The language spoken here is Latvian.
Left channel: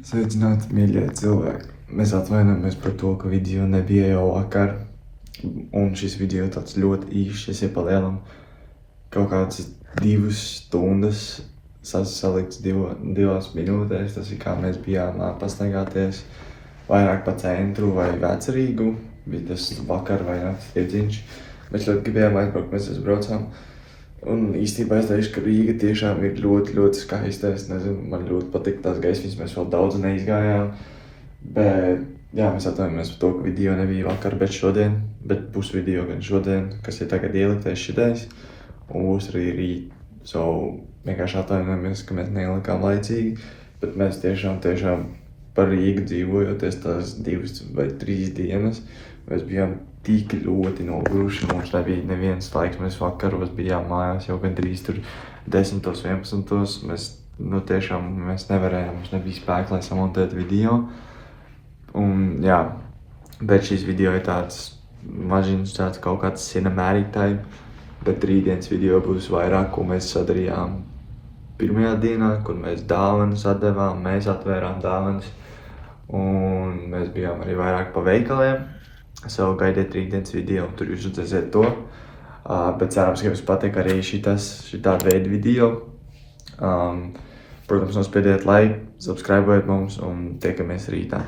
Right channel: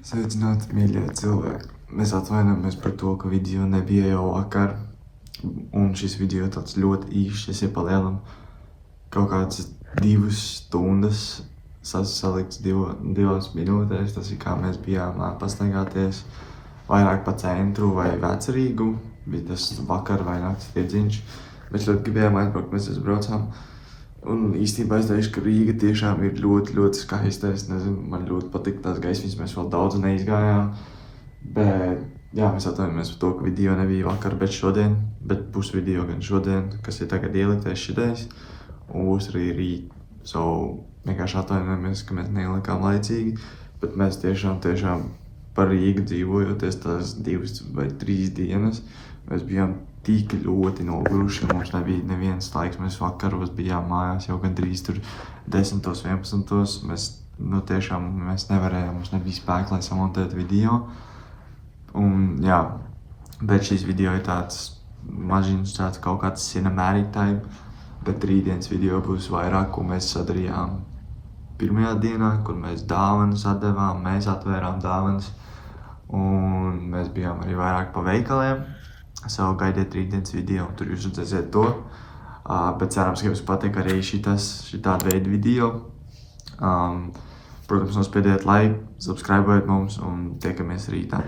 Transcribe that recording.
Sveicināti, mīļie cilvēki! Mēs atvainojamies par to, ka video nebija jau vakar. Un šis video tāds ļoti īšs, es iepalielam kaut kādas 2 stundas salikts 2 minūtēs. Tas ir kā mēs bijām pastaigāties vairāk pa centru vai Vecrīgu. Bija tas vakar vai nakts iedziņš. Mēs ļoti gribējām aizbraukt, mēs aizbraucām. Un īstenībā es teikšu, ka Rīga tiešām ir ļoti, ļoti skaista. Es nezinu, man ļoti patīk tās gaismas, mēs vēl daudz neizgājām. Bet, jā, mēs atvainojamies par to, ka video nebija vakar, bet šodien. Bet būs video gan šodien, kas ir tagad ieliktais šitais. Un būs arī rīt. So, vienkārši atvainojamies, ka mēs neielikām laicīgi. Bet mēs tiešām par Rīgu dzīvojoties tās 2 vai 3 dienas. Mēs bijām tik ļoti noguruši, mums nebija nevienas laiks, mēs vakaros bijām mājās jau gandrīz tur 10, 11. Mēs nevarējām, mums nebija spēka, lai samontētu video. Un jā, bet šis video ir tāds mažiņš, tāds kaut kāds cinematic type, bet rītdienas video būs vairāk, ko mēs sadarījām pirmajā dienā, kur mēs dāvanas atdevām, mēs atvērām dāvanas. Un mēs bijām arī vairāk pa veikaliem. So, gaidiet rītdienas video, un tur jūs redzēsiet to. Bet cerams, ka jums patīk arī šitāda veida video. Protams, nospiediet like, subscribējiet mums un tiekamies rītā.